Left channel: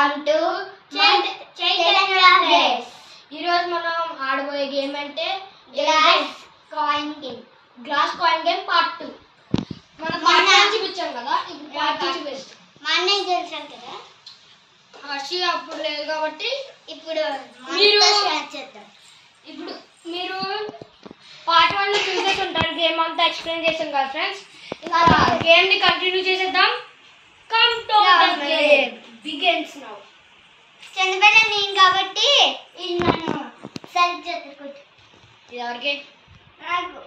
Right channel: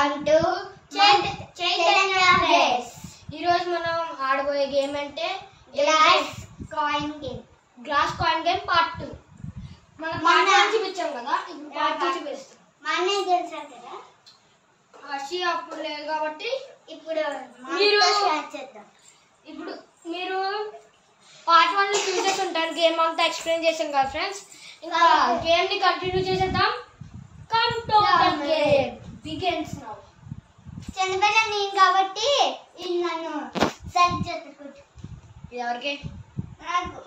Welcome to Chaitanya games. ఈ రోజు మనం ఆడబోయే గేమ్ అంటే గ్లాస్ కాయిన్ గేమ్ పార్ట్ 2. మనం పార్ట్ 1 చూపించాం కదా, ఇప్పుడు పార్ట్ 2 చూపిస్తాం. మా అన్నయ్య గెలిచారు కదా, హర్షి అప్పుడు లేదు కాబట్టి ఇప్పుడు మీరు చేద్దాం. ఇప్పుడు మీరు పార్ట్ 1 లో చూసేసి ఉంటారు, గేమ్ అంతా ఎక్స్ప్లెయిన్ చేసాం కదా ఫ్రెండ్స్. ఇంకా గేమ్ ని కంటిన్యూ చేసేద్దాం. Come to the game begins now. చంద్రబెట్ట నేను కాబట్టి నన్ను సెలెక్ట్ చేసుకుంటా. ఇది ఎవరికి? నాకు.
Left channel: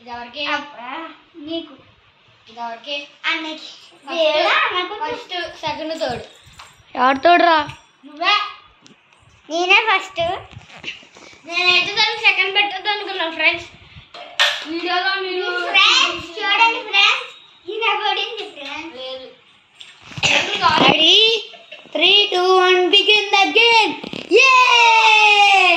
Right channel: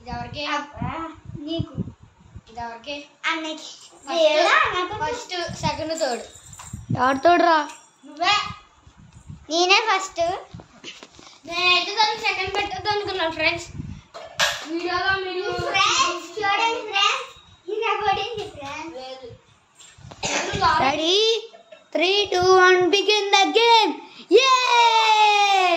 ఇది ఎవరికి? నీకు. ఇది ఎవరికి? అన్నకి. First, second, third. ఎవరు తోడురా? నువ్వే. నేనే ఫస్ట్. నేనైతే దాన్ని సెకండ్ పెట్టద్దు అనుకున్నాను ఫ్రెండ్స్. వీడియోలో మీరు ఫ్రెండ్స్ చూడండి ఫ్రెండ్స్, ఇలా పడింది ఫ్రెండ్స్. లేదు. Ready? 3, 2, 1, begin the game! Yay!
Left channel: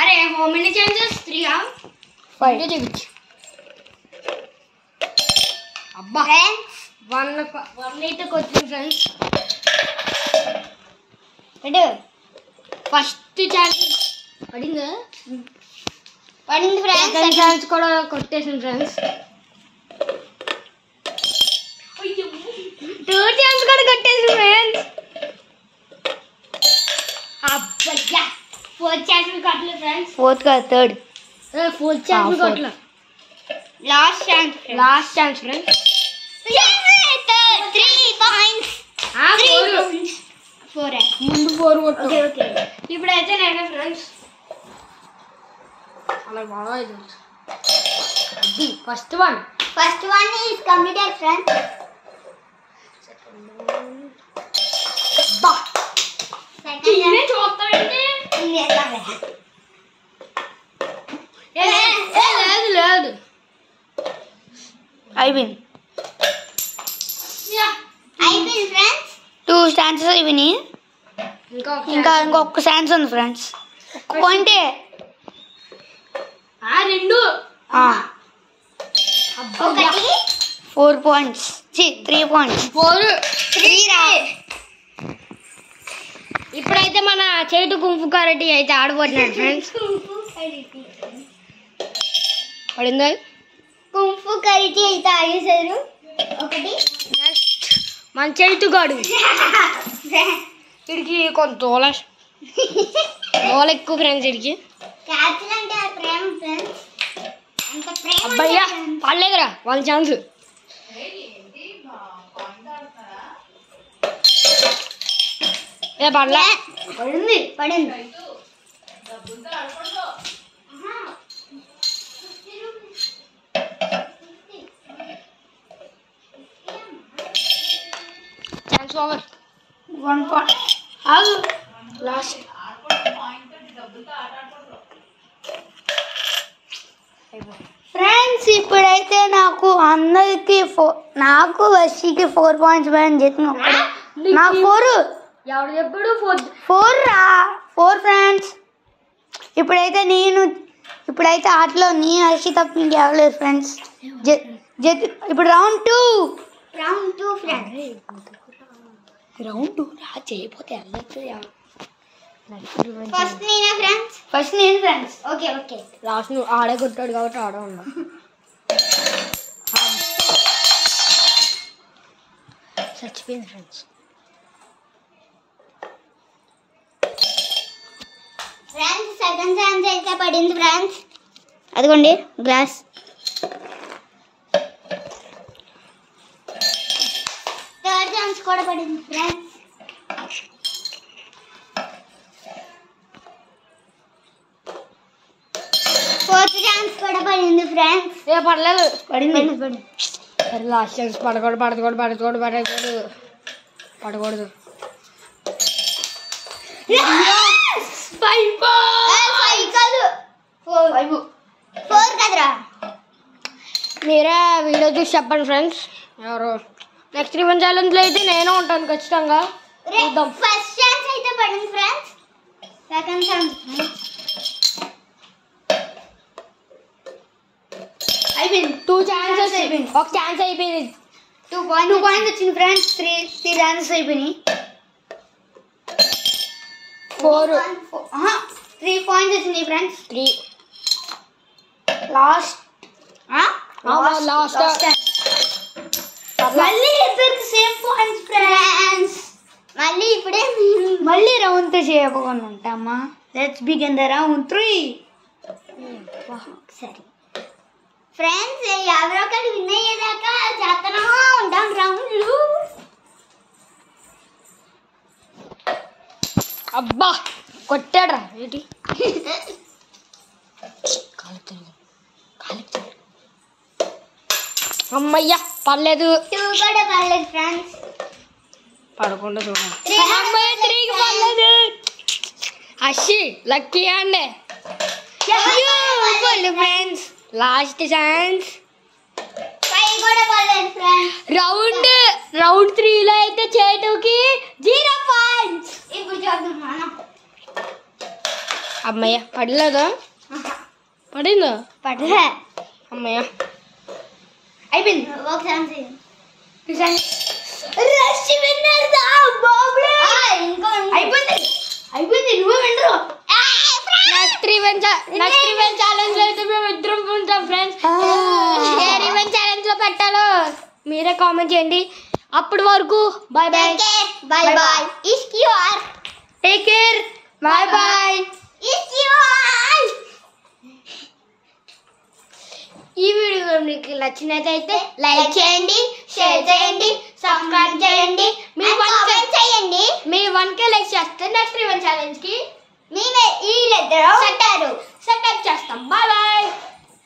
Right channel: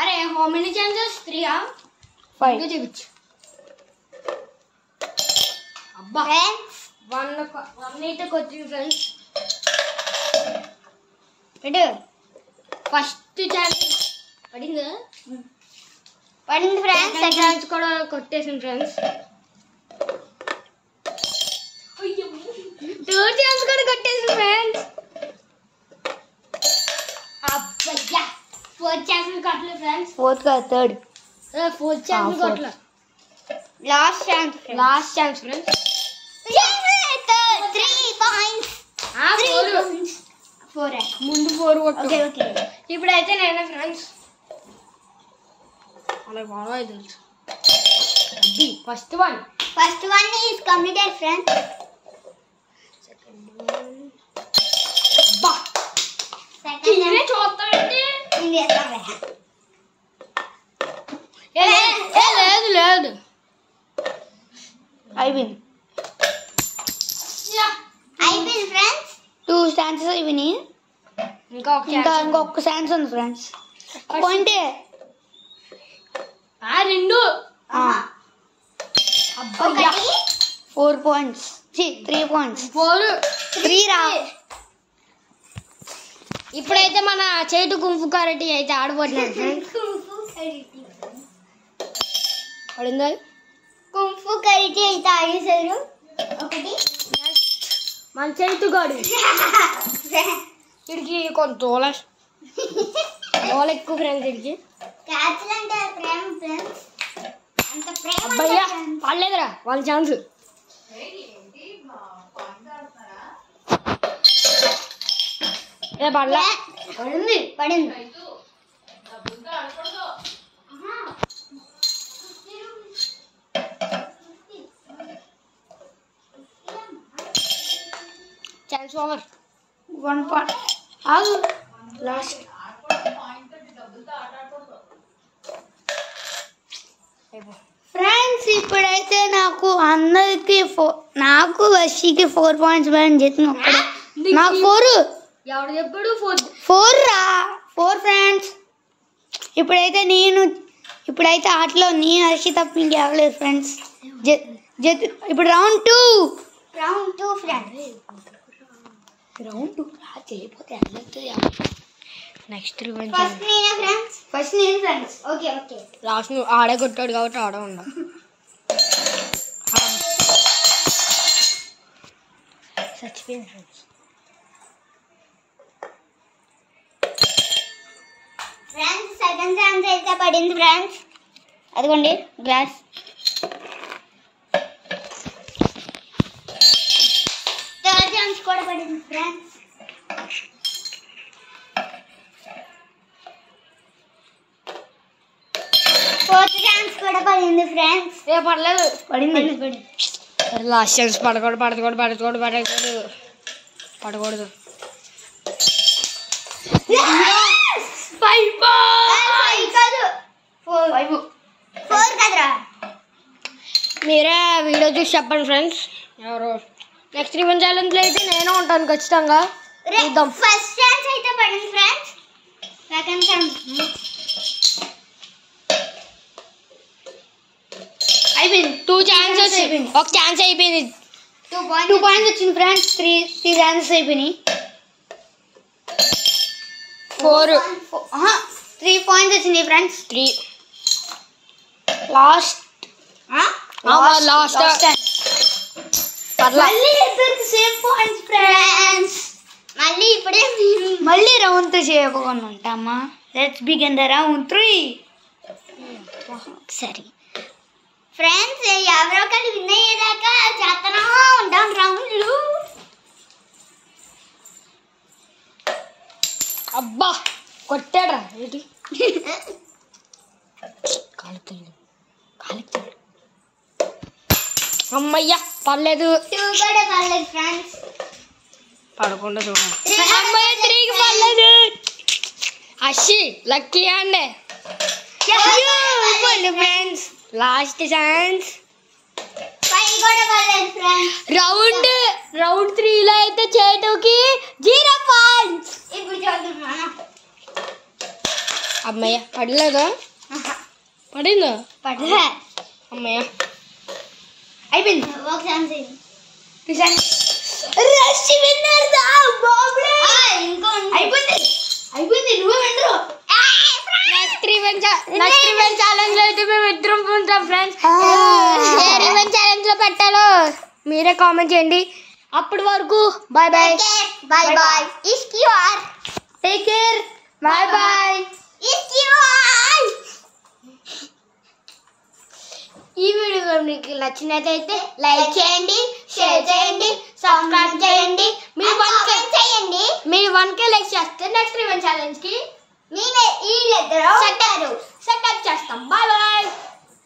అరే హౌ మెనీ ఛాన్సెస్? 3 ఆ? 5. చూపించు. అబ్బా ఫ్రెండ్స్ 1 అయితే వచ్చింది ఫ్రెండ్స్. పెట్టు. ఫస్ట్ ఛాన్స్ పడిందా? పడింది ఫ్రెండ్స్. సెకండ్ ఛాన్స్ కూడా కొట్టేసింది ఫ్రెండ్స్. 2 ఛాన్స్ కూడా కొట్టేసింది ఫ్రెండ్స్. అబ్బయ్యా 4 ఛాన్స్ కొట్టలేదు ఫ్రెండ్స్. 4th కాదు, 3rd. 4 ఛాన్స్ కొట్టలేదు. Last chance. Last chance friends. 3 points. 4. ముందు 4 కొట్టు. Okay okay. ఇప్పుడైతే నేనే ఫ్రెండ్స్. అలా బాగా తెలుసు. అది first one. First one is completed friends. బా Second ఇదే చూస్తానంటే లేదు. I win. Friends. 2 stances I win. ఇంకొక ఛాన్స్ ఉంది ఫ్రెండ్స్. కొంటే రెండు. ఒకటి 4 points. 3 points. 3 రా. ఇప్పుడైతే మన చేటు కుంఫు కరాటే అయితే ఆడబోతున్నాడు ఫ్రెండ్స్. పడిందా? కుంఫు కరాటే అయితే ఆడేశారు. ఒకటి నెక్స్ట్ మన చేటు గాడు. వీడికి కొంత తోల ఎక్కువ ఫ్రెండ్స్. వీడికి క్యాచ్లు అంటే ప్రేమ ఫ్రెండ్స్. అంత ప్రేమ. అబ్బయ్యా పడలేదురా 1 ఛాన్స్. పడలా. పడింది. Chance over. 1 point. ఆగు. లాస్ట్. ఫ్రెండ్స్ ఇప్పుడైతే నాకు అందరికి నాకు వర్షికి 4 points పైన చెప్పిన ఒక్కడే. నాకు 4. ఎవడు చెప్పాడు? 4 రా. 4 ఫ్రెండ్స్. ఇప్పుడైతే ఆటలో నేను హర్షి తప్ప ఇంకెవలేదు ఫ్రెండ్స్. ఇప్పుడు రౌండ్ 2 ఫ్రెండ్స్. రౌండ్ 2 రా చేయకపోతే వెళ్ళొచ్చు. నెక్స్ట్ ఫస్ట్ నేను ఫ్రెండ్స్. ఓకే లాస్ట్ నువ్వు ఆడే కొట్టాడు కాబట్టి ఆడే ఉన్నా. చచ్చిపోయింది ఫ్రెండ్స్. సెకండ్ ఛాన్స్ అయితే పడింది ఫ్రెండ్స్. అదిగోండి గ్లాస్. థర్డ్ ఛాన్స్ కూడా పడింది ఫ్రెండ్స్. ఫోర్త్ ఛాన్స్ కూడా పడింది ఫ్రెండ్స్. పడలేదు. పడింది. లాస్ట్ ఛాన్స్ పడకూడదు. మీరే వీడియో చూసి చెప్పండి ఫ్రెండ్స్ ఎవరు. నెక్స్ట్ రివెంజ్ ఛాలెంజ్లో అయితే నేను ఉంటాను ఖచ్చితంగా. ఫస్ట్ ఛాన్స్ అయితే పడింది ఫ్రెండ్స్. సెకండ్ ఛాన్స్ అయిపోయింది. 2 ఛాన్సెస్. ఒక ఛాన్స్ అయిపోయింది. 2 points వచ్చింది ఫ్రెండ్స్. 3 ఛాన్సెస్ అయిపోయినాయి. 3 points వచ్చింది ఫ్రెండ్స్. 3 లాస్ట్ మళ్ళీ సేమ్ పాయింట్స్ ఫ్రెండ్స్. మళ్ళీ రౌండ్ తో చేయకుండా ఉంటామా. Let's begin the round 3. సరే ఫ్రెండ్స్, ఎవరో ఒకటి విన్ అయ్యేదాకా చేస్తూనే ఉంటాం రౌండ్లు. అబ్బా కొట్టాడ్రా ఏంటి అమ్మయ్యా పర్లేదు. 2 కూడా పర్లేదు ఫ్రెండ్స్. పడకుండా చూడండి. అమ్మయ్య 3కి పర్లేదు. అషి లక్కీ అండి ఫ్రెండ్స్. Last chance. 5 కూడా పర్లేదు ఫ్రెండ్స్. రౌండ్ 3లో అయితే చేటుకి 0 పాయింట్స్. ఇప్పుడు చూద్దాం. అమ్మయ్య పడలేదా? పడిందా? పడలే. అమ్మయ్య అయిపోయింది. ఒక ఛాన్స్ రష్ విన్నర్ దా బాబ్లే. ఇంకో అయిపోయింది. నువ్వే విన్నరు. నెక్స్ట్ రివెంజ్ ఛాలెంజ్ అయితే మేము ఇద్దరం ఉంటాం ఫ్రెండ్స్. ఏ రివెంజ్ ఛాలెంజ్ లో పెట్టాలో మీరే కామెంట్ చేయండి. అప్పటి వరకు బాయ్ బాయ్. Bye bye. ఇస్క్యూఆర్. Take care. Bye bye. ఇస్క్యూఆర్. ఈ వీడియో మీకు నచ్చినట్లయితే లైక్ చేయండి, షేర్ చేయండి, సబ్స్క్రైబ్ చేయండి, మీరు కామెంట్ చేయండి. మీరు 1K లైక్ చేస్తే నెక్స్ట్ రివెంజ్ ఛాలెంజ్ కి నేనే ఈ లెటర్ సెటప్ చేస్తాం. Bye bye.